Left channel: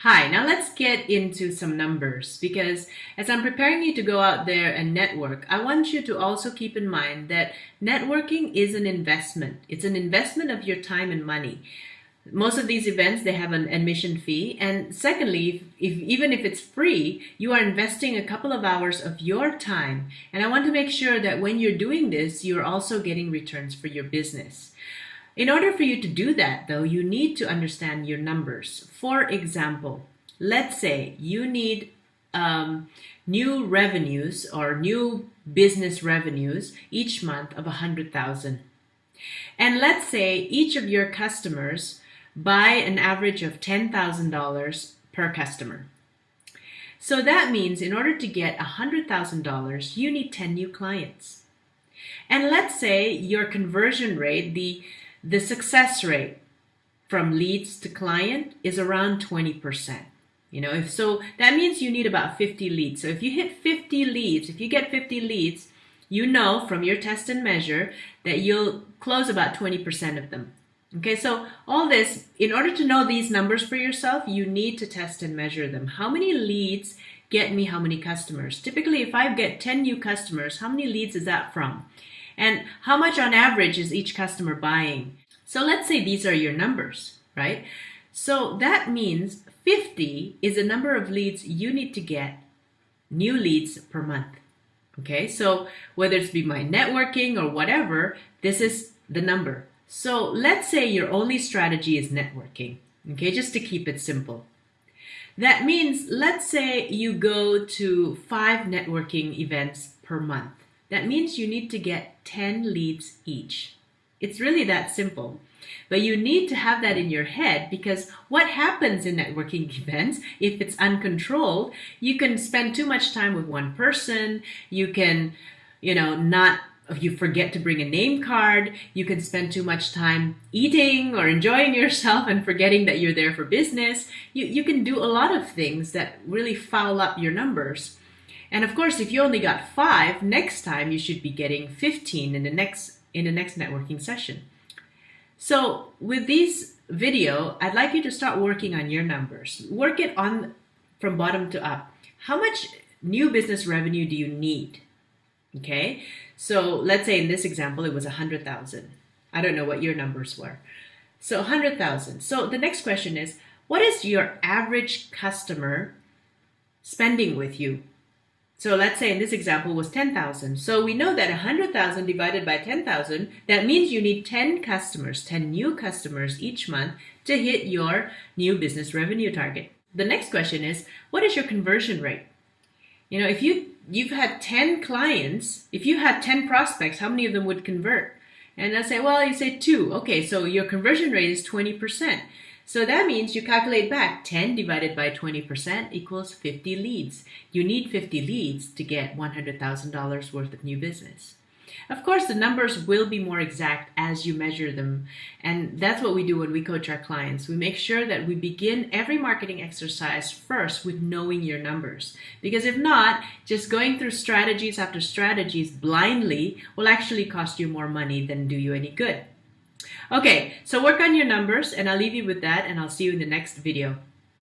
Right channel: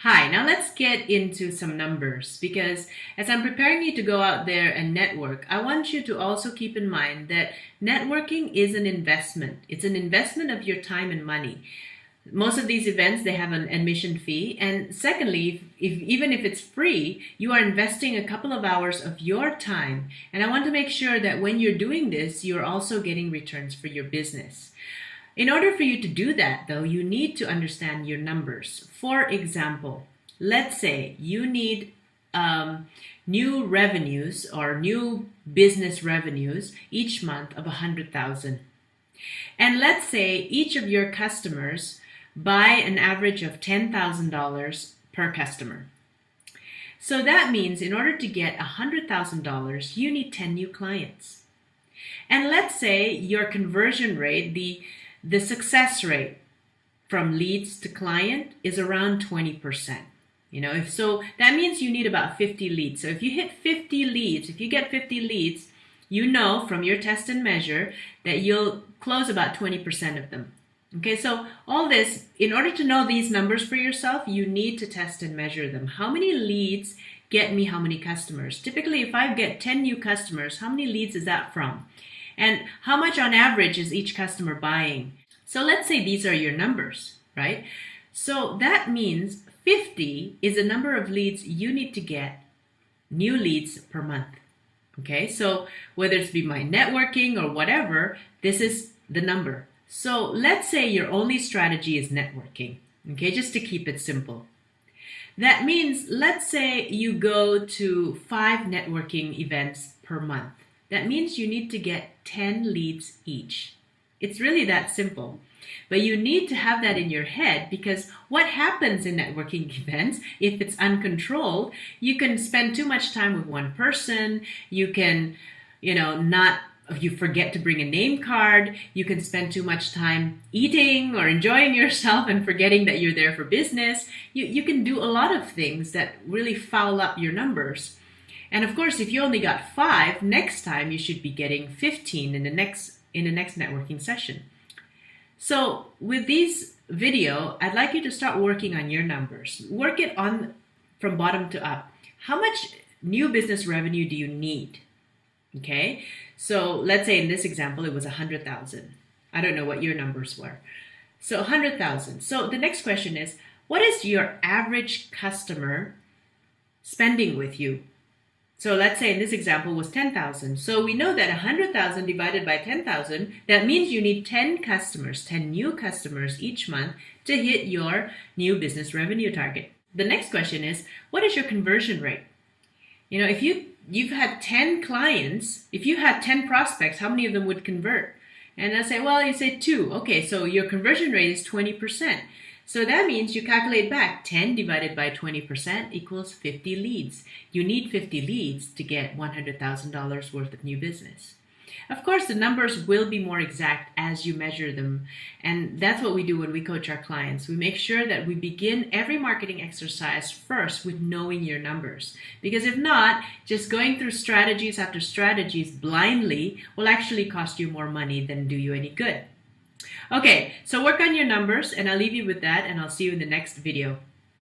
Hi, now let's get into some numbers because as I'm preparing you to go out there and network, I want you to also keep in mind that networking is an investment. It's an investment of your time and money. Most of these events, they have an admission fee. And secondly, even if it's free, you are investing a couple of hours of your time. And I want to make sure that when you're doing this, you're also getting returns for your business. In order for you to do that, though, you need to understand your numbers. For example, let's say you need new revenues or new business revenues each month of 100,000. And let's say each of your customers buy an average of $10,000 per customer. So that means in order to get $100,000, you need 10 new clients. And let's say your conversion rate, the success rate from leads to client is around 20%. So that means you need about 50 leads. So if you hit 50 leads, if you get 50 leads, you know from your test and measure that you'll close about 20% of them. Okay, so all this, in order to know these numbers for yourself, you need to test and measure them. How many leads get me how many customers? Typically, if I get 10 new customers, how many leads is that from? And how much on average is each customer buying? So let's say these are your numbers, right? So that means 50 is the number of leads you need to get, new leads per month. Okay, so whether it's be my networking or whatever, this is the number. So let's say your only strategy is networking, okay, just to keep it simple. That means, let's say you go to 5 networking events per month. That means you need to get 10 leads each. It's really that simple. But you need to have that in your head because what happens in networking events, if it's uncontrolled, you can spend too much time with one person. You can, you forget to bring a name card. You can spend too much time eating or enjoying yourself and forgetting that you're there for business. You can do a lot of things that really foul up your numbers. And of course, if you only got 5, next time you should be getting 15 in the next networking session. So with this video, I'd like you to start working on your numbers. Work it on from bottom to up. How much new business revenue do you need? Okay, so let's say in this example, it was 100,000. I don't know what your numbers were. So 100,000. So the next question is, what is your average customer spending with you? So let's say in this example was 10,000. So we know that 100,000 divided by 10,000, that means you need 10 customers, 10 new customers each month to hit your new business revenue target. The next question is, what is your conversion rate? If you've had 10 clients, if you had 10 prospects, how many of them would convert? And I say, well, you say 2. Okay, so your conversion rate is 20%. So that means you calculate back 10 divided by 20% equals 50 leads. You need 50 leads to get $100,000 worth of new business. Of course, the numbers will be more exact as you measure them. And that's what we do when we coach our clients. We make sure that we begin every marketing exercise first with knowing your numbers. Because if not, just going through strategies after strategies blindly will actually cost you more money than do you any good. Okay, so work on your numbers and I'll leave you with that and I'll see you in the next video.